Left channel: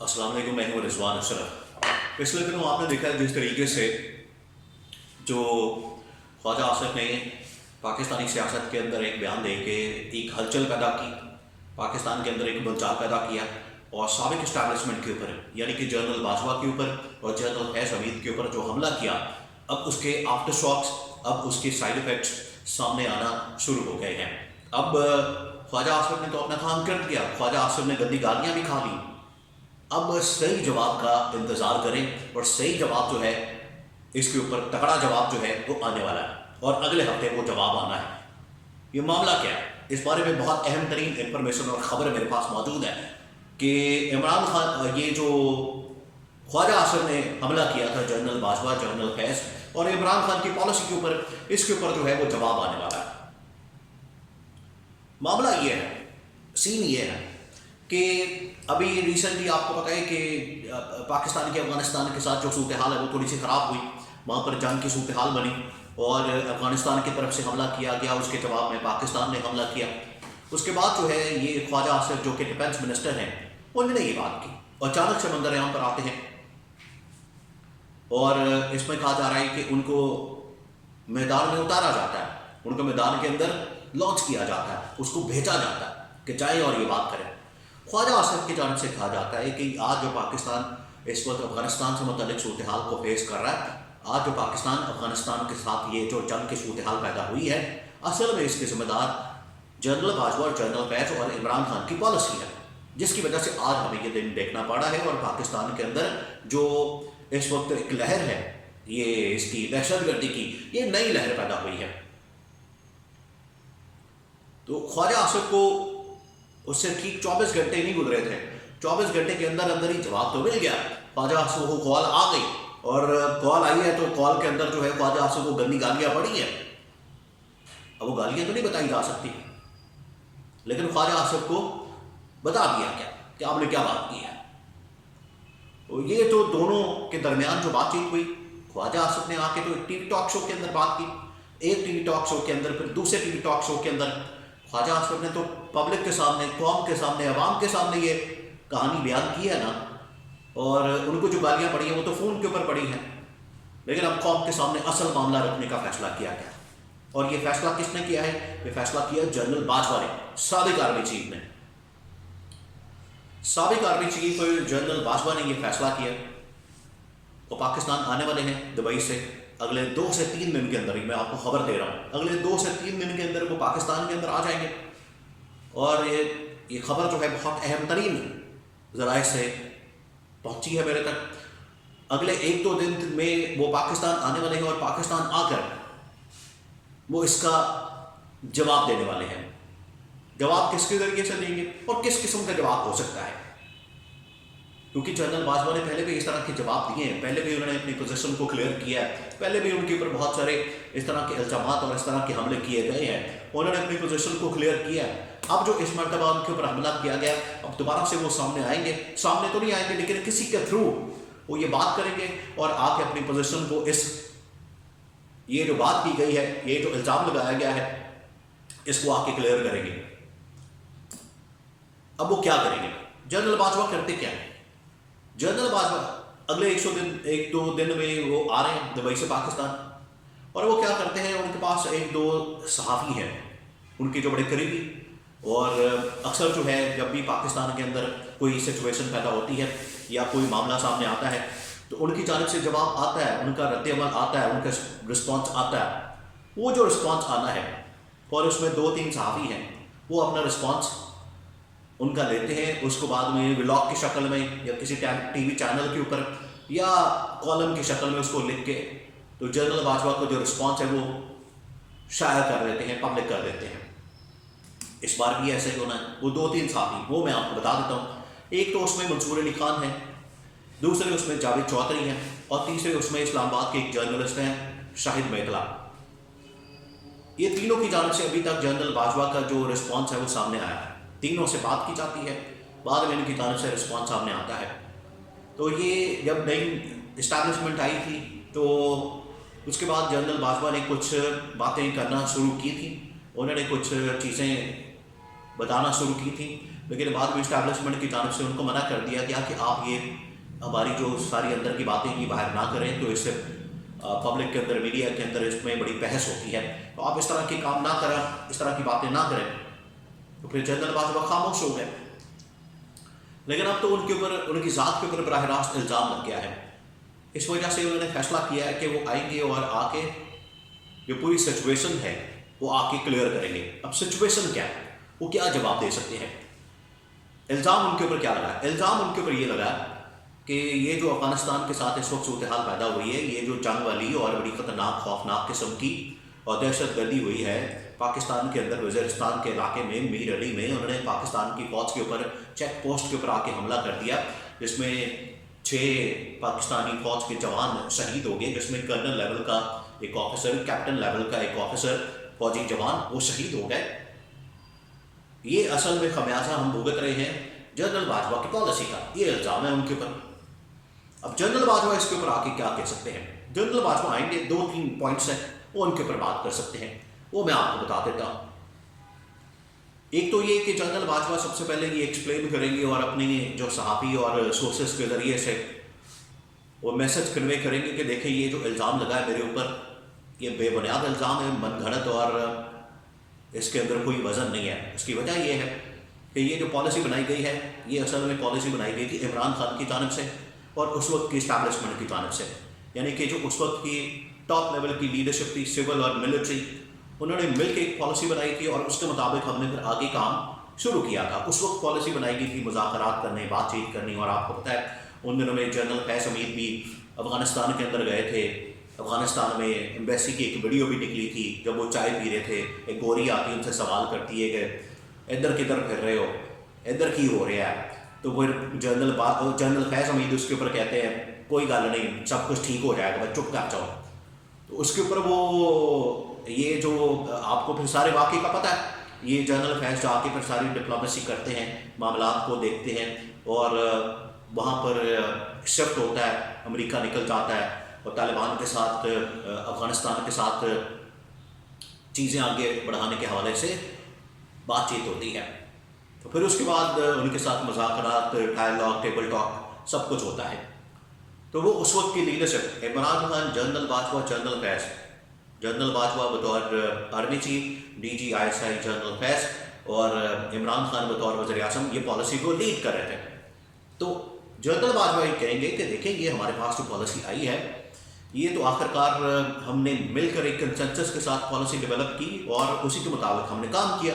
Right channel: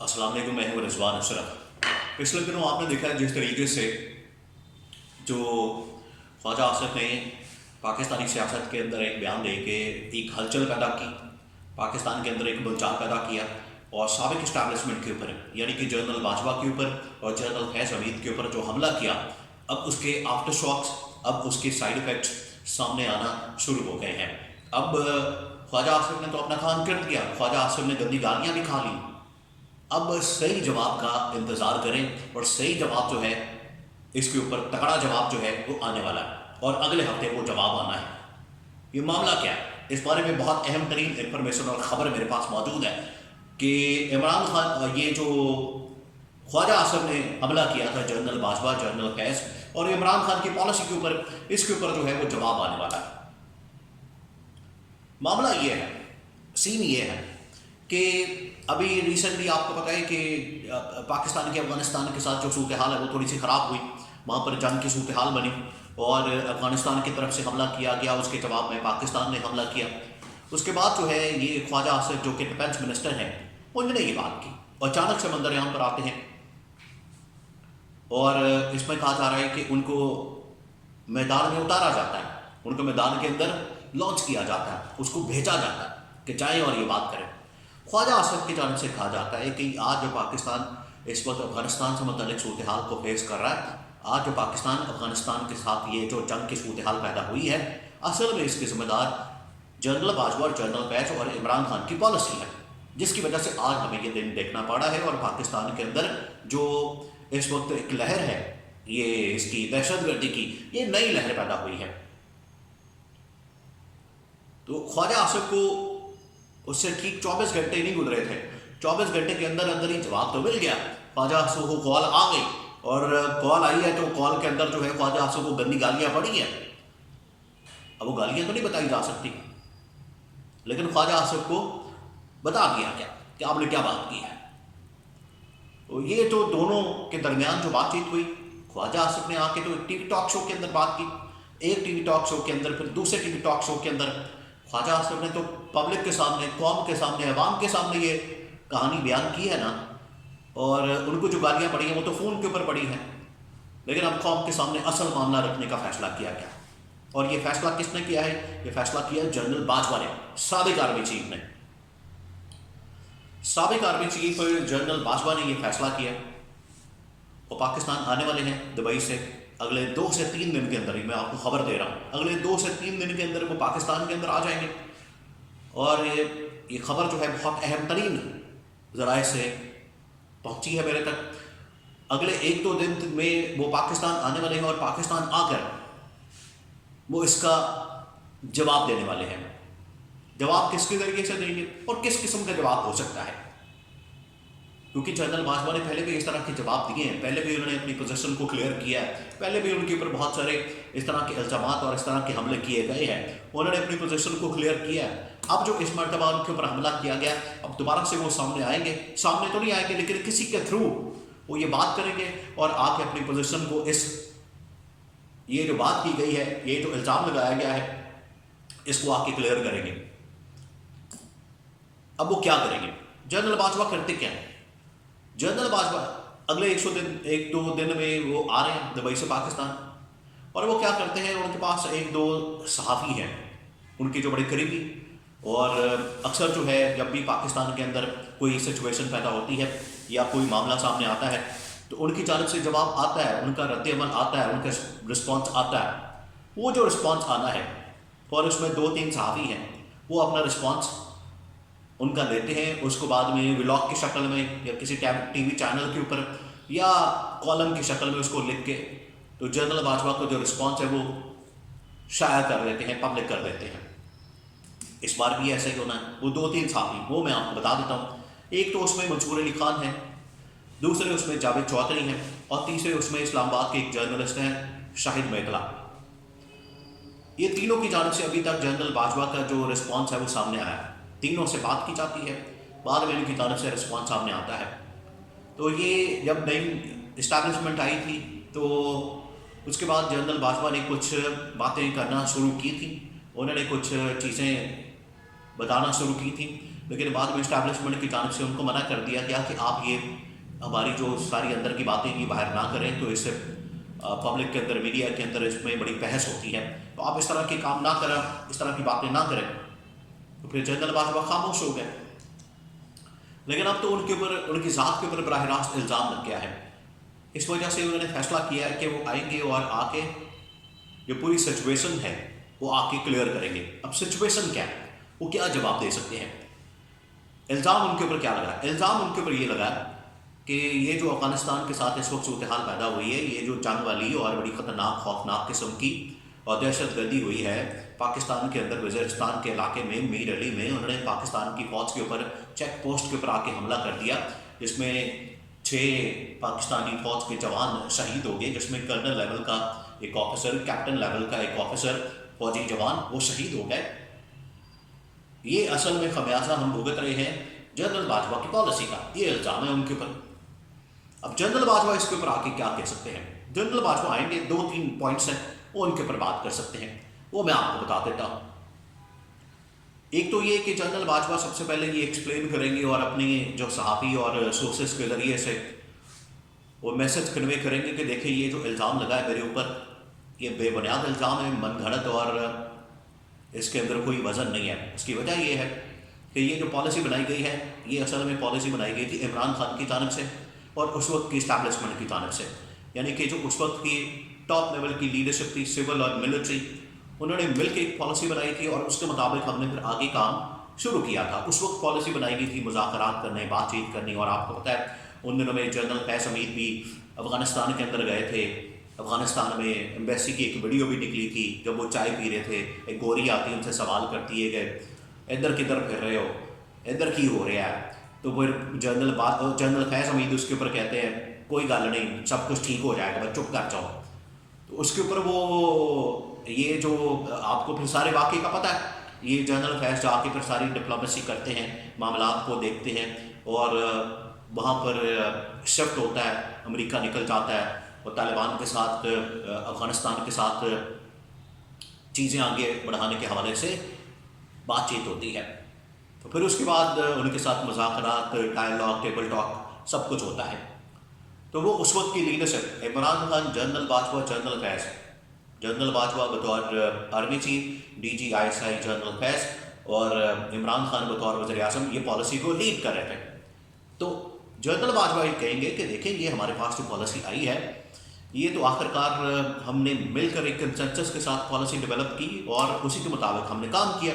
अस्सलाम वालेकुम, मैं हूँ रिजवान अशरफ। पिछले दिनों आपने देखा है जिस तरीके से जो ख्वाजा आसिफ ने पाकिस्तानी सियासत के अंदर एक बयान दे के एक हलचल पैदा की, पाकिस्तान के अंदर एक मुंचार पैदा किया और साबिक इस्टेब्लिशमेंट के ऊपर यानी कि जनरल बाजवा के ऊपर और जनरल फैज़ हमीद के ऊपर जो हमला किया, अब उसके आफ्टर शॉक्स, अब उसके साइड इफ़ेक्ट्स सामने आना शुरू हो गए हैं। अब ख्वाजा आसिफ ने तो अपना काम कर दिया, ख्वाजा आसिफ ने गंदी गालियाँ भी खा ली। अब सही जवाब का इंतज़ार करें और सही जवाब जो है इसके ऊपर तगड़ा जवाब जो है वो आने वाला है और अगले हफ्ते वो जवाब आना है। ये मामला क्या है, इस बारे में बहुत अहम तरीन इंफॉर्मेशन और ख़बर मेरे पास मौजूद है कि इमरान खान, ये जो ख्वाजा आसिफ ने हमला किया था जनरल बाजवा, जनरल फैज़ और इमरान खान की पॉलिसी के ऊपर, इसके ऊपर जो है वो जवाब आने वाला है। मामला ये है, सीन ये है कि अभी रिसेंटली आपको पता है कि पाकिस्तान के अफ़गानिस्तान के साथ जो सूरत हाल है वो थोड़ी सी ख़राब हुई, वहाँ पर जंग की सूरत हाल बनी और अफ़गानिस्तान की तरफ से हमला किया गया, उसके जवाब में पाकिस्तान ने हमला किया। उसके बाद जो है ये ख्वाजा आसिफ जो कि डिफेंस मिनिस्टर हैं, उन्होंने ये बात की और अचानक से मंजर आम पर आते हैं और इसमें कहा जा रहा है कि उनको मैदान में उतारा जाता है, उनको मैदान के अंदर लॉन्च किया जाता है, उसको भेजा जाता है कि जाए और ये बात करें। ख्वाजा आसिफ की जानब से कहा जाता है कि आज जो पाकिस्तान इस वक्त अफ़गानिस्तान से मुतल्लिक सूरत हाल को फेस कर रहा है, आज जो पाकिस्तान अफ़गानिस्तान के साथ ये जो जंग की सूरत हाल पैदा हुई है, असल में इसके ज़िम्मेदार जनरल बाजवा और जनरल फैज़ और इमरान खान की पॉलिसी है, जिसकी वजह से आज हमें ये दिन देखना पड़ा है और पाकिस्तान के अंदर जो इस वक्त एक लहर है, ये इसकी दहशतगर्दी की ये नई लहर पैदा हुई है। तो ख्वाजा आसिफ को उससे ठीक 24 घंटे नहीं गुजरे थे, 24 घंटे के अंदर अंदर ही जवाब तो मिल गया। ख्वाजा आसिफ को कॉल आ गई और कॉल आई है तो कॉल के अंदर जो है ख्वाजा आसिफ को गंदी गालियाँ पड़ी हैं। अब वो गालियाँ तो नहीं बताई जा सकती, लेकिन ख्वाजा आसिफ को बता दिया क्या कि आपने क्या बात की है। तो ये तो दोनों के दरमियान जो बातचीत हुई, ख्वाजा आसिफ ने आके तो एक टीवी टॉक शो के अंदर बात की, एक टीवी टॉक शो के अंदर, फिर दूसरे टीवी टॉक शो के अंदर ख्वाजा आसिफ ने तो पब्लिक के सामने, कौम के सामने, अवाम के सामने ये कहानी बयान की है ना, और उनको जो गालियाँ पड़ी हैं वो तो फ़ोन के ऊपर पड़ी हैं, लेकिन अब कौम के सामने असल मामला रखने का फ़ैसला किया गया। और ये फ़ैसला किसने किया है? ये फ़ैसला किया जनरल बाजवा ने, साबिक आर्मी चीफ ने। साबिक आर्मी चीफ जनरल बाजवा ने ये फ़ैसला किया। वो पाकिस्तान आने वाले हैं दुबई से अगले 2 से 3 दिन के अंदर ही, मैं आपको खबर दे रहा हूँ, अगले 2 से 3 दिन के अंदर वो पाकिस्तान के अंदर आ जाएंगे। और ये खबर जो है बहुत अहम तरीन ज़राए से पहुँची है मेरे तक। अगले 1-2 दिन में वो पाकिस्तान आने वाले हैं और पाकिस्तान आकर वो इसका जवाब देने वाले हैं। जवाब किसके ज़रिए से देंगे और किस किस्म का जवाब हो सकता है, क्योंकि जनरल बाजवा ने पहले भी इस तरह के जवाब दिए हैं, पहले भी उन्होंने अपनी पोजीशन को क्लियर किया है, पहले भी उनके ऊपर बहुत सारे इस तरह के इल्ज़ामात और इस तरह के हमले किए गए हैं, उन्होंने अपनी पोजीशन को क्लियर किया है। अब जो इस मरतबा उनके ऊपर हमला किया गया, अब दोबारा से वो सामने आएंगे, सामने तो नहीं आएंगे लेकिन किसी के थ्रू वो ये बात करेंगे और आके अपनी पोजीशन को, ये जो बात की गई है, ये जो इल्ज़ाम लगाया गया है, इसको आके क्लियर करेंगे। अब वो क्या करेंगे? जनरल बाजवा करते क्या है? जनरल बाजवा अगले 1-2 दिन में वो आ रहे हैं दुबई से पाकिस्तान, और वो क्या करते हैं, उनके पास 1-2 सहाफ़ी हैं उनके जो बड़े करीबी, और अक्सर जो है जब भी पाकिस्तान के अंदर कोई सिचुएशन पैदा होती है या कोई मामला सामने आता है तो उनकी जानिब से जवाब आता है, उनका रद्द-ए-अमल आता है, उनका रिस्पॉन्स आता है। वो जो रिस्पॉन्स आना है, और उसमें 2-3 सहाफ़ी हैं, वो अपना रिस्पॉन्स उनका लेते हैं, उसको बाद में व्लॉग की शक्ल में या किसी टीवी चैनल के ऊपर या कॉलम की शक्ल में उसको लिख के तो जनरल बाजवा को जो रिस्पॉन्स है वो शाया कर देते हैं, पब्लिक कर देते हैं। इस बार भी ऐसा ही होना है। वो 2-3 साथी, वो मैं आपको बता देता हूँ। एक तो उसमें मंसूर अली खान है, दूसरे उसमें जावेद चौधरी हैं, और तीसरे उसमें इस्लामाबाद के एक जर्नलिस्ट हैं शाहिद मेखला। ये तीनों की जानिब से अभी तक जनरल बाजवा का जो रिस्पॉन्स है वो सामने आया है। तीनों से बात की जाती है, बाद में इनकी जानिब से रिस्पॉन्स सामने आता है। तो ये जब नई इस्टेब्लिशमेंट आई थी तो उसके बाद जनरल बाजवा ने कुछ बातें करना शुरू की थी, उन्होंने कुछ चीज़ें बताना शुरू की थी लेकिन बाद में इस्टेब्लिशमेंट की जानब से उनको मना कर दिया गया कि आप ये हमारी जो सारी अंदर की बातें ये बाहर ना करें, तो इससे पब्लिक के अंदर, मीडिया के अंदर इसमें बड़ी बहस होती है, तो आप इस तरह के काम ना करें, इस तरह की बातें ना करें। तो फिर जनरल बाजवा खामोश हो गए। लेकिन अब तो उनके ऊपर, उनकी ज़ात के ऊपर बराह रास्त इल्ज़ाम लग गया है। इस वजह से उन्होंने फैसला किया है कि वो आएंगे और आके जो पूरी सिचुएशन है वो आके क्लियर करेंगे। अब सिचुएशन क्या है, वो क्या जवाब दे सकते हैं। इल्ज़ाम उनके ऊपर क्या लगा? इल्ज़ाम उनके ऊपर ये लगा कि ये जो अफ़गानिस्तान के साथ इस वक्त सूरत हाल पैदा हुई है, ये जो जंग वाली और बड़ी ख़तरनाक खौफनाक किस्म की और दहशत गर्दी हुई है पाकिस्तान के अंदर, वज़ीरिस्तान के इलाके में, मीर अली में, उन्होंने पाकिस्तान की फ़ौज के ऊपर चेक पोस्ट के ऊपर आके हमला कर दिया, जिसमें 6 पाकिस्तानी फ़ौज के जवान शहीद हो गए, जिसमें कर्नल लेवल का एक ऑफिसर, कैप्टन लेवल का एक ऑफिसर, फौजी जवान वो शहीद हो गए। ये असल में खमियाजा हम भुगत रहे हैं जनरल बाजवा की पॉलिसी का, ये इल्ज़ाम है उनके ऊपर। अब जनरल बाजवा इसके ऊपर आके क्या कह सकते हैं? जनरल बाजवा आएंगे, 2-3 पॉइंट्स हैं वो उनके ऊपर बात कर सकते हैं, वो मैं आपको बता देता हूँ। एक तो ये कि जनरल बाजवा सबसे पहले ये एक्सप्लेन करेंगे और अपनी जो सहाफ़ी और सोर्सेस के ज़रिए से वो मैसेज कन्वे करेंगे कि देखिए ये जो इल्ज़ाम लगा है मेरे ऊपर, ये बेबुनियाद इल्ज़ाम है, मनगढ़ंत, और इसके अंदर कोई वज़न नहीं है। इसकी वजह ये है कि ये जो पॉलिसी बनाई गई है, ये असल में पॉलिसी बनाई गई थी इमरान खान की जानब से और उस वक्त की इस्टेब्लिशमेंट की जानब से, यानी कि जो उस वक्त की टॉप लेवल की लीडरशिप थी, सिविल और मिलिट्री, उन्होंने मिल के एक पॉलिसी बनाई थी और उसके मुताबिक हमने फिर आगे काम शुरू किया था। उस वक्त पॉलिसी बनाई गई थी मुज़ाकरात करने, बातचीत करनी, और आपको पता है उन दिनों में जनरल फैज़ हमीद भी अफ़गानिस्तान के अंदर गए थे। अफ़गानिस्तान में एम्बेसी की एक वीडियो भी निकली थी, जब वो चाय पी रहे थे, एक गोरी आती है उनसे सवाल करती है कि इधर किधर फिर रहे हो, इधर की हो रहा है, तो फिर जनरल फैज़ हमीद उसके ऊपर कहते हैं कोई गल नहीं, सब कुछ ठीक हो जाएगा, बस चुप कर जाओ। तो उसके ऊपर वो ये जो आपको फिर सारे वाक़े का पता है, ये जनरल फैज़ जाके फिर सारी डिप्लोमेसी करते हैं, मामलात को देखते हैं, और वहाँ पर शिफ्ट होता है, अमेरिका निकल जाता है और तालिबान के साथ, अफ़गानिस्तान के साथ चीज़ें आगे बढ़ाने के हवाले से बातचीत होती है। तो फिर उसके बाद उनके साथ मुज़ाकरात, डायलॉग, टेबल टॉक, सब कुछ होता है। तो वो उस वक्त की leadership, Imran Khan, general Bajwa, general Faiz, general Bajwa बतौर आर्मी चीफ, DG/ISI जनरल फैज़, और इमरान खान बतौर वज़ीर आज़म ये पॉलिसी को लीड कर रहे थे। तो जनरल बाजवा ये कहेंगे कि देखें ये हमारे पास जो पॉलिसी आई है, ये तो आखिरकार हमने मिलकर एक कंसेंसस के साथ पॉलिसी डेवलप की और उसी के मुताबिक हमने काम किया,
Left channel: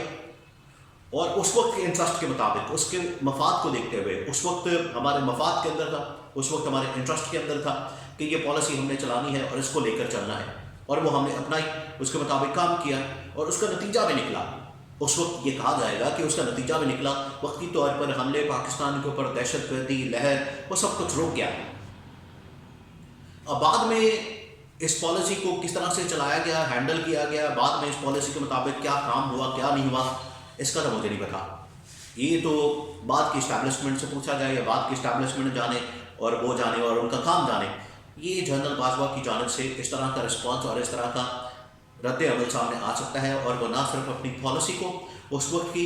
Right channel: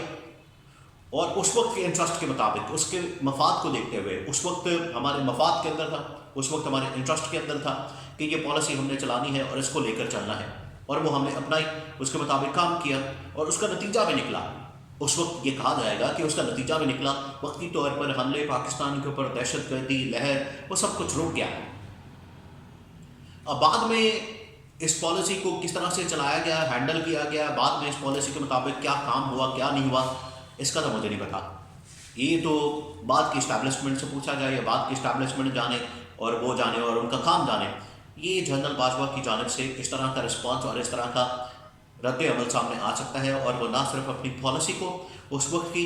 और उस वक्त के इंटरेस्ट के मुताबिक, उसके मफाद को देखते हुए, उस वक्त हमारे मफाद के अंदर था, उस वक्त हमारे इंटरेस्ट के अंदर था कि ये पॉलिसी हमने चलानी है और इसको लेकर चलना है, और वो हमने अपनाई, उसके मुताबिक काम किया और उसका नतीजा भी निकला। उस वक्त ये कहा जाएगा कि उसका नतीजा भी निकला, वक्ती तौर पर हमले पाकिस्तान के ऊपर, दहशत गर्दी लहर, वो सब कुछ रुक गया। अब बाद में इस पॉलिसी को किस तरह से चलाया गया, हैंडल किया गया, बाद में इस पॉलिसी के मुताबिक क्या काम हुआ, क्या नहीं हुआ, इसका तो मुझे नहीं पता। ये तो बाद की इस्टेब्लिशमेंट से पूछा जाए, या बाद की इस्टेब्लिशमेंट जाने और वो जाने और उनका काम जाने। ये जनरल बाजवा की जानिब से इस तरह का रिस्पॉन्स और इस तरह का रद्द अमल सामने आ सकता है, और वो ना सिर्फ अपनी पॉलिसी को, उस वक्त की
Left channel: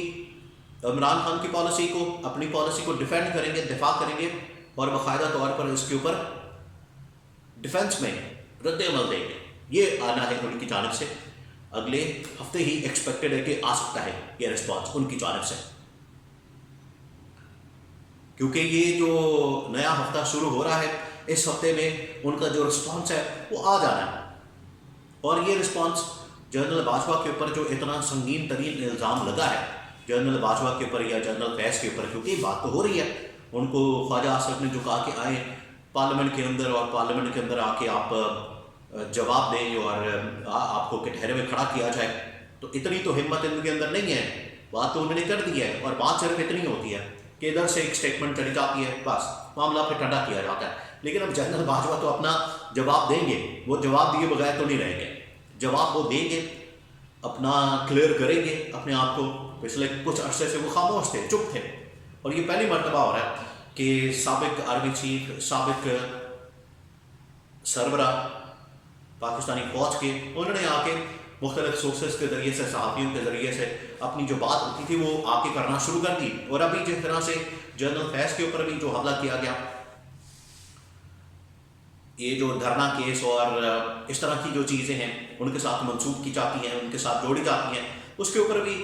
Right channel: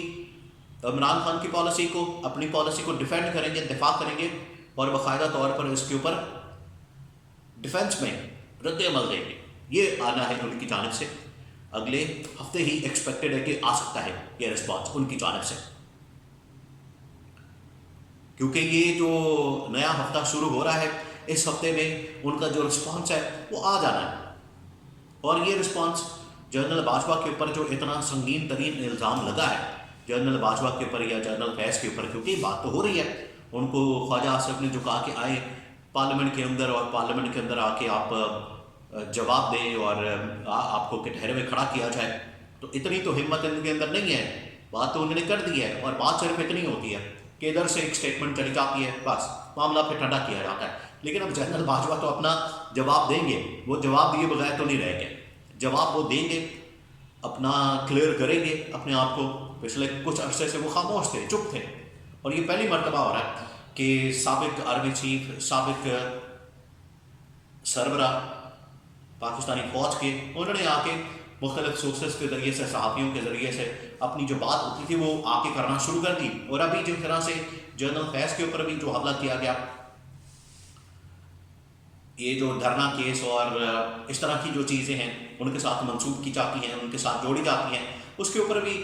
इमरान खान की पॉलिसी को, अपनी पॉलिसी को डिफेंड करेंगे, दिफा करेंगे, और बाकायदा तौर पर इसके ऊपर डिफेंस में रद्द अमल देंगे। ये आना है उनकी जानिब से, अगले हफ्ते ही एक्सपेक्टेड है कि आ सकता है ये रिस्पॉन्स उनकी जानिब से, क्योंकि ये जो नया हफ्ता शुरू हो रहा है, इस हफ्ते में उनका जो रिस्पॉन्स है वो आ जाना है। और ये रिस्पॉन्स जनरल बाजवा के ऊपर जो इतना संगीन तरीन इल्ज़ाम लगा है जनरल बाजवा के ऊपर या जनरल फैज़ के ऊपर, क्योंकि बात तो हो रही है, उनको ख्वाजा आसिफ ने जो कहा कि आए पार्लियामेंट के अंदर, और पार्लियामेंट के अंदर आके आप जवाब दें और आपको कटहरे में खड़ा किया जाए, तो इतनी तो हिम्मत इनके अंदर नहीं है। बात तो उन्होंने कर दी है, और बात सिर्फ इतनी होती है कि इधर से एक स्टेटमेंट चली जाती है, बस मामला फिर ठंडा किया जाता है। लेकिन अब जनरल बाजवा तो अपना जवाब देंगे, वो जवाब दिए बगैर तो नहीं रहेंगे, जवाब वो देंगे, अपना क्लियर करेंगे अपने आप को। पिछले कुछ अरसे से वो खामोश थे, चुप थे, और ये पहली मरतबा हो रहा है कि साबिक आर्मी चीफ, साबिक सरबरा पाकिस्तानी फौज के, उन्होंने आके مختلف سورسز کے ذریعے سے، صحافیوں کے ذریعے سے اپنی جو بات ہوتی تھی وہ آ کے کرنا شروع کر دی. اور ابھی جس طرح سے جنرل فیض کے اوپر بھی جو حملہ کیا گیا، یہ جو دھرنا کیس اور اس طرح کی جو چیزیں ہیں ان کے ساتھ منسوب کی جاتی ہیں، ان کے ساتھ جوڑی جاتی ہیں، اس کے اوپر بھی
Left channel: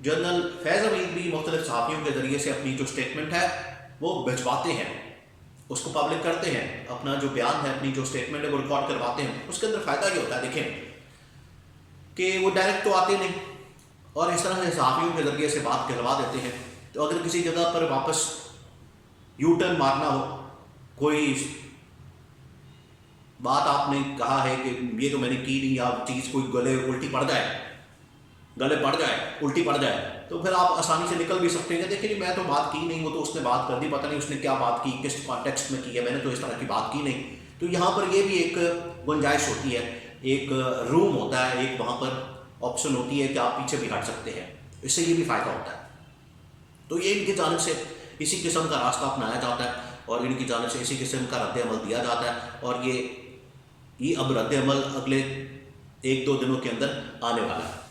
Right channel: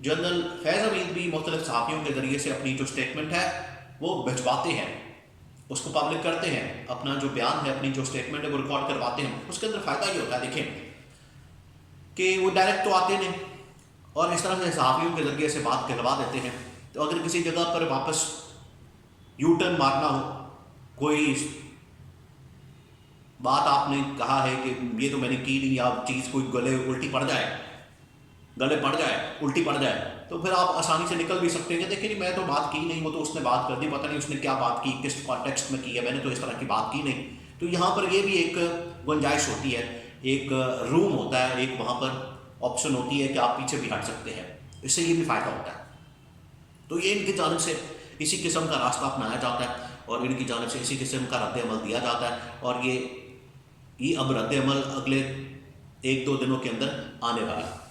جنرل فیض حمید بھی مختلف صحافیوں کے ذریعے سے اپنی جو اسٹیٹمنٹ ہے وہ بھجواتے ہیں، اس کو پبلک کرتے ہیں، اپنا جو بیان ہے، اپنی جو اسٹیٹمنٹ ہے وہ ریکارڈ کرواتے ہیں. اس کے اندر فائدہ یہ ہوتا ہے دیکھیں کہ وہ ڈائریکٹ تو آتے نہیں، اور اس طرح سے صحافیوں کے ذریعے سے بات کہلوا دیتے ہیں. تو اگر کسی جگہ پر واپس یو ٹرن مارنا ہو، کوئی بات آپ نے کہا ہے کہ یہ تو میں نے کی نہیں، یا چیز کوئی گلے الٹی پڑ جائے، الٹی پڑ جائے، تو پھر آپ آسانی سے نکل بھی سکتے ہیں. دیکھیں جی میں تو بات کی نہیں، وہ تو اس نے بات کر دی، پتہ نہیں اس نے کیا بات کی، کس کانٹیکسٹ میں کی ہے، میں نے تو اس طرح کی بات کی نہیں. تو یہاں پر یہ بھی ایک گنجائش ہوتی ہے، ایک روم ہوتا ہے، ایک وہاں پر آپشن ہوتی ہے کہ آپ پیچھے بھی ہٹ سکتے ہیں. اس سے یہ بھی فائدہ ہوتا ہے. تو یہ ان کی جانب سے اسی قسم کا راستہ اپنایا جاتا ہے، اور ان کی جانب سے اسی قسم کا رد عمل دیا جاتا ہے. اور یہ اب رد عمل اگلے 1-2 دنوں کے اندر آنے والا ہے.